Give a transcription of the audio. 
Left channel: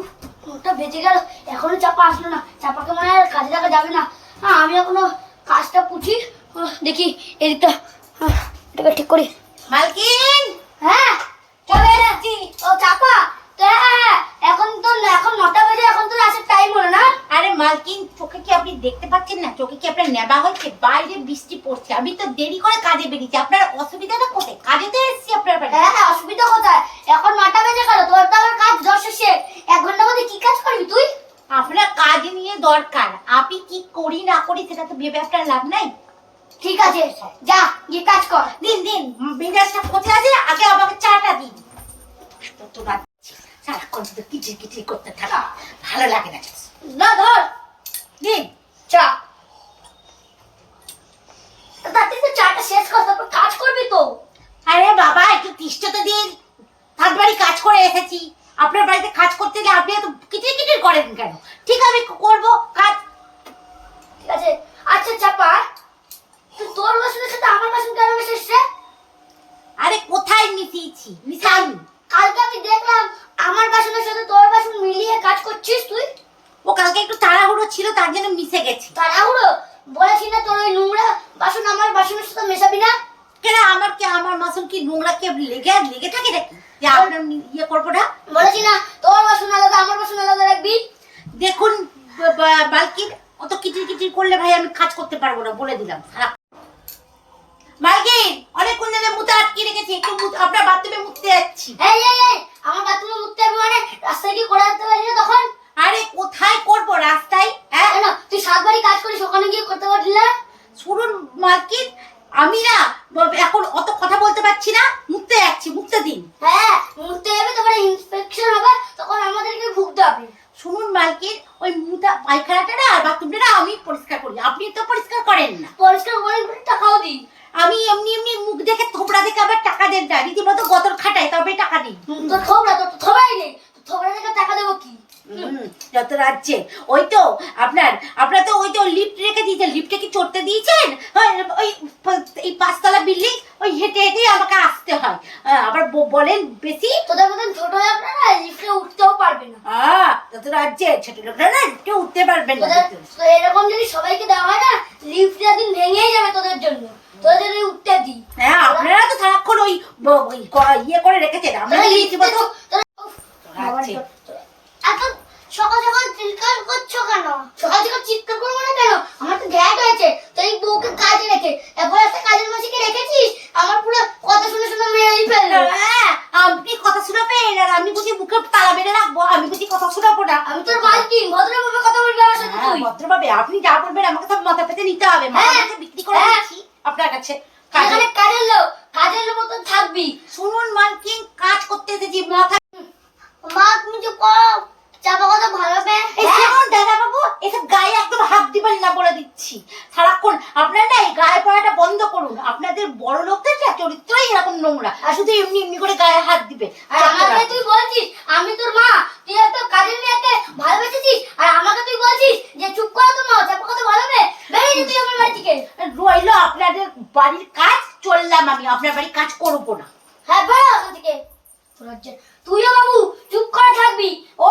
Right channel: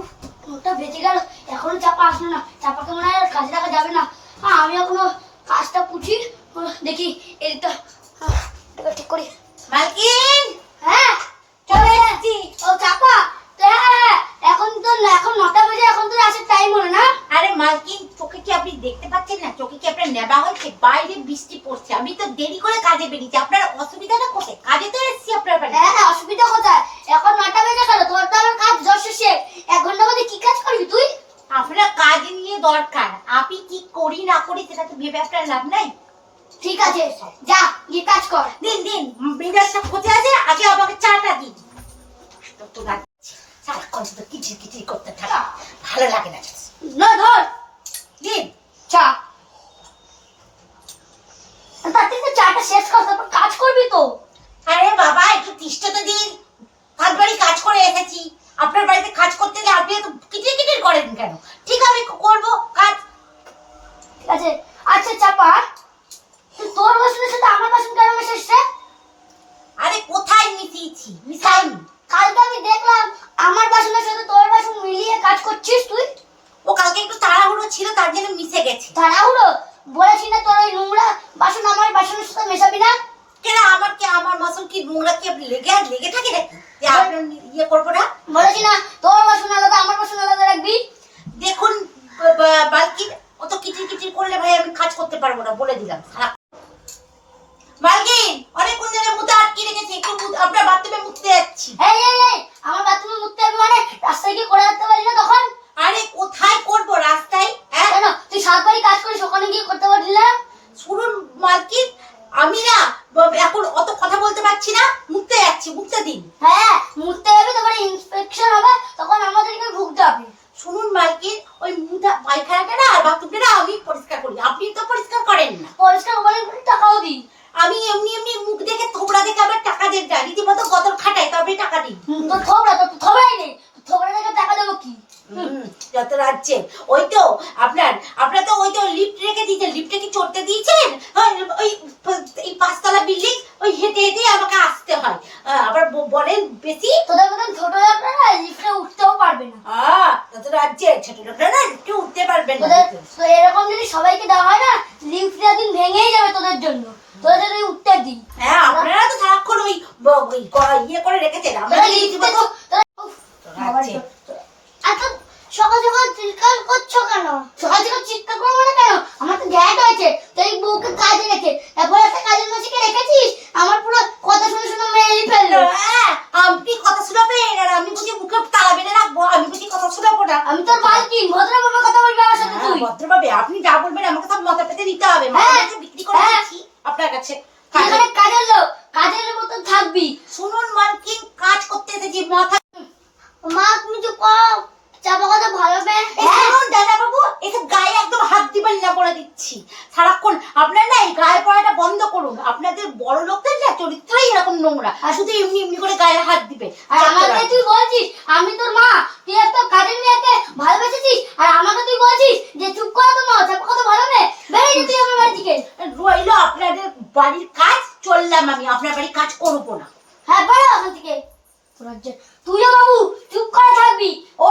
উফ ওটা বেঁচে গেল। এখনও চাপা আসলো না। চাপাকে মনে হয় কাজে লাগা যাবে না। আমি এখনও কাজটা পুছি দেখি এদিকটা এটাকে ঠিক করি। মালকিন! হ্যাঁ চলে যাচ্ছি ও চাপা এখন তো এখন নটা বাজে এখন তো আসার টাইম হলো না। আরে মালকিন চোখে কি আপনি দেখতে পাচ্ছেন না? চোখে কি আপনার নেবা হয়েছে? বাইরে বৃষ্টি পড়ছে। আমি তো দেরি করে কাজে বেরিয়েছি। আপনার অসুবিধাটা কোথায়? কাজে তো এসেছি আপনার বাড়ি। হ্যাঁ হ্যাঁ অসুবিধা কোথায়? এখন নটা বেজে গেল তোর তো আমার কাজ যশ শেষ এক ঘণ্টার মধ্যে কি কাজ করবি তুই আপনার কাজ নিয়ে দরকার আপনি কি করি করি ভেবে আপনার লাভ নাই? ঠিক আছে, যা, গিয়ে কাজ কর। দিন দিন মেজাজটা খোঁজে আছে, আগে আমাকে চাটা দিন। তো তো সারাক্ষণ শুধু কিচির কিচির করতে থাকা, ভালো লাগে না না, ধর, দিন, চা। শেষ কর, তারপর কাজ করবি তো। আরে বাবা, একটু তিষ্ঠতা দিন। থার্ড বাড়ি কাজ করে এসেছি। আপনার বাড়িতে কাজ করতে গেলে আপনি এত কিচির কিচির করেন কেন? ঠিক আমি করব, কাজ ঠিক আছে আচ্ছা চাপা তুই তোর বাসনের সাথে আমার বাসন কেন মেশাচ্ছে আরে কোথায় মিশিয়েছি মিশাইনি কালকে আমি দেখলাম আমার বাসনের সাথে তোর বাসন মিলিয়ে কাজ করছিস তুই। ও কালকে একটু তাড়াহুড়ো ছিল তার জন্য মিশে গেছি। তাড়াহুড়ো? বলেছি না তোর ওই নোংরা বাসন আমার বাসনের সাথে মেশাবি না? কেন আমার কি আমার মাসুল কি নোংরা কে লেগে লেগে থাকে নাকি? যে আপনার ইয়ে করব না? বলেছি না তোর বাসন আলাদা আমার বাসন আলাদা রাখবি? দেখুন বালকির অত কিচির কিচির করলে ভাই আমি কাজ করতে পারব না বলে দিলাম সারা বালকিন অনেকক্ষণ ধরে মুতে আপনার বাথরুমে মুততে যাচ্ছি। এই এই এই আমার বাথরুমে মুততে হবে মানে রাস্তায় কি করে আসতে পারলি না তখন? আরে কোথায় করব রাস্তায় হ্যাঁ? তুই সাত বাড়ি কাজ করিস ওখানে গিয়ে করতে পারলি না? শুনুন মালকিন আমি না এখন অত কথা বলতে পারছি না মুততে যাচ্ছি মুততে দিন। হ্যাঁ মুততে যাবে তারপরে ইন্সপেকশন হবে তখন আমাদেরকে ভুগতে হবে। শুনুন মালকিন ওই মুতা পায়খানাটা না আর বাথরুমটা না আমি পরিষ্কার করি আপনি তো পরিষ্কার করেন না। পরিষ্কার করে টাকাও দিই। আমি এমনি এমনি মুখ দেখে থোবড়া দেখে আবার টাকা দেন না রীতিমতো গতর খাটাই তবে টাকা দিই। তোর থোবড়া তো থোবড়াই নেই। থোবড়া দেখে টাকা দেবো কি? যত রাজ্যে। ওই তো আপনার আপনার তো ওই তো লিফট রেখে দিয়েছেন। লিফটে কি চড়তে দিয়েছেন? ওই এই পাঁচতলা বিল্ডিং ওই হেঁটে হেঁটে আমাকে আসতে হয়। আবার বলেন বেশি। তোদের মতন ছোট আপনারা লিফটে উঠতেও পারবে না। আহ, রাজ্যে ছোট লোকরা না কেউ উঠতে পারবেন না। এরকম যদি সবাইকে দেওয়া হয় না লিফটটা দিন ভেঙেই যাবে তোদের জন্য। তোদের জন্য উঠতে দিই। হ্যাঁ আপনারা তো সারাক্ষণ ওই ইয়ে করে রেখেছেন আমরা লিফট তো লিফটে রীতিমতো আচ্ছা সকাল সকাল চিৎকার করছ কেন? সকাল সকাল চিৎকার করব না কেন আমার তো গ্যাট হয়েছে তো এই বউকে কাজে রেখে তারপর একটা কাজের মাসিকে রেখেছিস আমার পুরো কথা শুনে শুনে মেরেই ফেলল হ্যাঁ, আপনি কথা শোনাবেন আর আমি বুঝি মুখে তালা বেড়ে রাখব আমি বুঝি কথা শোনাবো না আমি তোর মালকিন ভদ্রভাবে কথা বলবি আমার সাথে হ্যাঁ, তুই ভদ্রভাবে। আপনি যা বলবেন আমাকে সব মাথা পেতে নিতে হবে। হ্যাঁ, মাথা বিক্রি করে হ্যাঁ। দিচ্ছি আপনার কাছে। এখানে কাজের লোক কাজের মতন থাকবি। শুনুন মালকিন কাজ করতে এসেছি মাথা মা তুমি চুপ করো। চাপা কথা ভালো পেন এই শুনুন দাদা বাবু এসব গায়ে একদম হাত দিবেন না বলে দিচ্ছি। সারাক্ষণ আপনার না এই গায়ে পড়াটা বন্ধ করুন। আপনাদের বড় লোকদের না চরিত্রই এরকম নোংরা। আর শুধু এমনি এমনি করে গায়ে হাত দিবে। আর আমাকে তুই বলছিস আমি তোর মা তুই একটা কাজের মেয়েকে ভালোবেসেছিস আর আমাকে তুই বলছিস যে চুপ করো তো মা চাপা কথা ভালো মেয়ে বেরিয়ে যা তুই আমার বাড়ি থেকে রইল আপনাদের বাড়ির কাজ চললাম আমি। আপনার বাড়ির কাজ করব না। হ্যাঁ বেরো আমার থেকে। তোর তুইও বাবু চুপ করে থাকবি। ও